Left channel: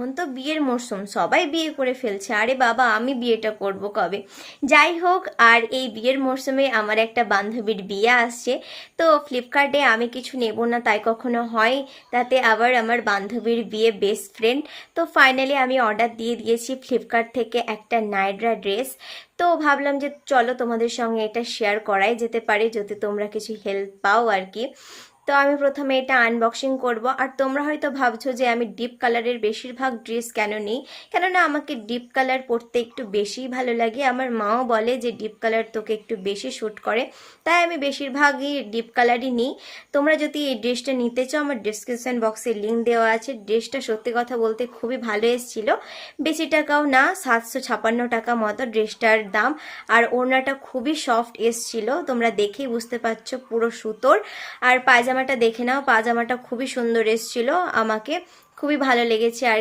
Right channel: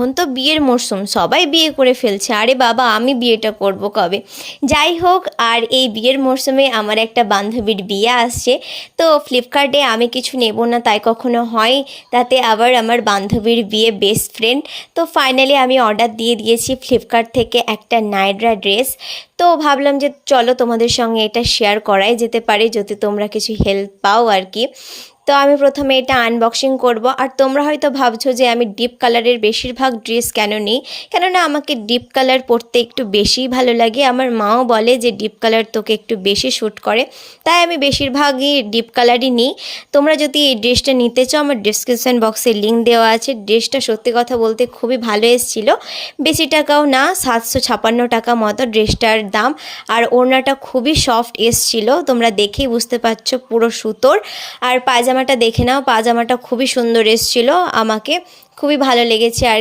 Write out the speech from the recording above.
এখন তো বিয়ের মরশুম, সবাই বিয়ে করে ফেলছে, আরে বাবা আমি বিয়েটা করব কবে। যাই হোক, আর এই বিয়ের মরশুমে আমার একটা বান্ধবীর বিয়ে আসছে, তো ফ্লিপকার্টে আমি কিছু নেব না তাই কখনো হয়, তাতে আবার আমার বান্ধবীর বিয়ে, বেস্ট ফ্রেন্ড। তো ফাইনালি আমি অর্ডার দিয়ে দিয়েছি ফ্লিপকার্ট থেকে একটা নাইরা ড্রেস। তো ভাবলাম যে চলো তোমাদের সঙ্গে এটা শেয়ার করাই যেতে পারে, যদি তোমরা কিছু হেল্প পাও আর কি। তো আমি প্রথমে এটা আনবক্সিং করব। আর তোমরা হয়তো ভাবছো যে আমি ডিপ কালারের বেশিরভাগ ড্রেস কেন নিই, কেননা আমাকে ডিপ কালার পরতে একটু বেশিই ভালো লাগে। আমার মাও বলে যে ডিপ কালার তোকে একটু বেশি শ্যুট করে, তাই আমি বেশিরভাগই ডিপ কালারই নিই। তোমরা যদি এই ড্রেসটা নিতে চাও, আমার ডিসক্রিপশান বক্সে লিঙ্ক দেওয়া আছে। ড্রেসটা সত্যি কথা বলতে খুবই ভালো এসেছিলো, বেশি টাকাও না, 756 টাকা মতো ড্রেসটার দাম। আর ওড়নাটা খুবই সফট এসেছিলো, তোমরা দেখেই বুঝতে পারছো পুরো সুতোর। আর পায়জামাটা দেখে নাও, পায়জামাটা খুবই সুন্দর এসেছিলো, আমাকে খুবই ভালো লেগেছে আর